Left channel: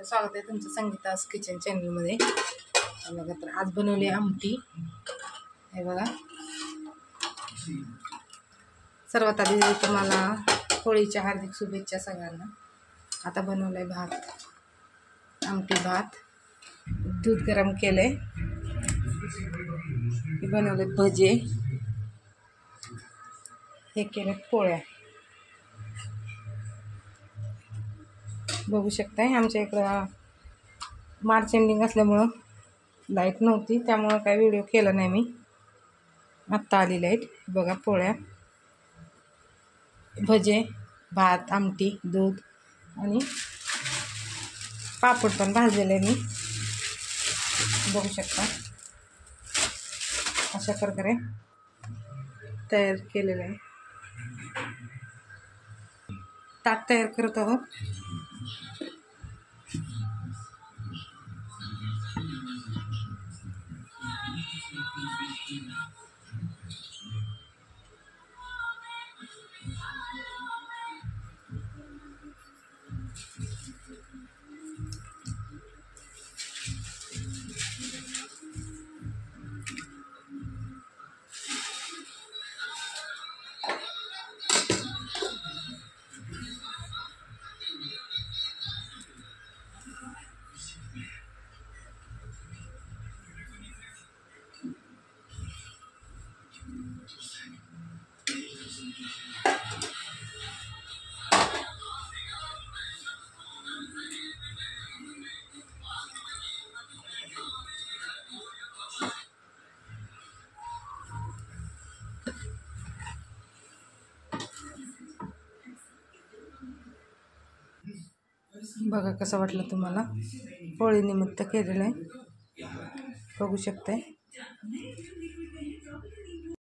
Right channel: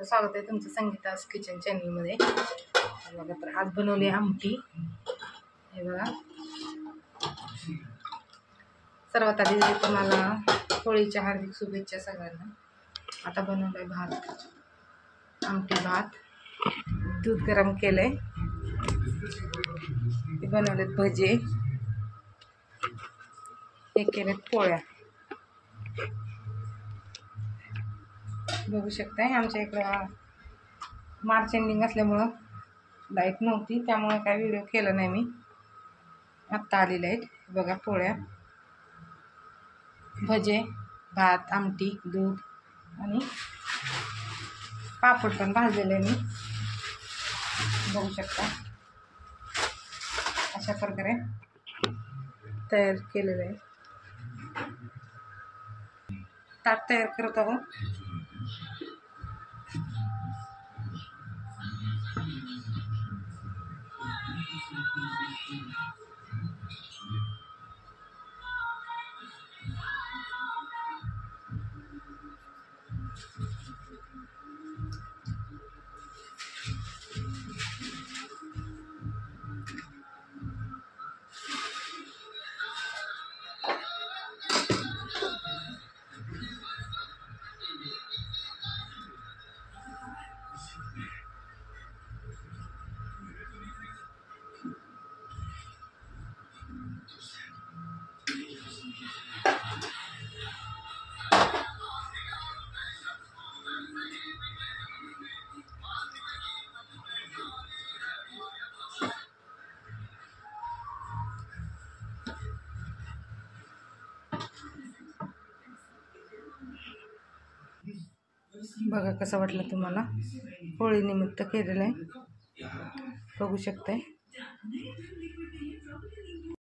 तर स्वागत आहे तुमचं संगीता's किचन चॅनलमध्ये। बघा तर आज बनवली आमटी। हे बघा, सर्वात आधी तुम्हाला होळीच्या हार्दिक शुभेच्छा सगळ्यांना। आता बनवलंय भात, आमटी भात, दूध गरम केलंय, बनवले भजे, हे केले पोळ्या। बघू शकताय आमच्या इकडं मार्च एंडिंग असल्यामुळं लाईट नव्हती, त्यामुळे काय व्हिडिओ केला नाही मी। आत्ता आली लाईट। बघा पोळ्या, भजे, भात, आमटी, दूध आणि पापड पण भाजलेले मी। बघू शकता अशा प्रकारे तयार केलेलं आहे। ताट तयार करत आहोत। बघा कसं वाटलं तुम्हाला, होळी निमित्त केलेलं आहे। बघू शकताय।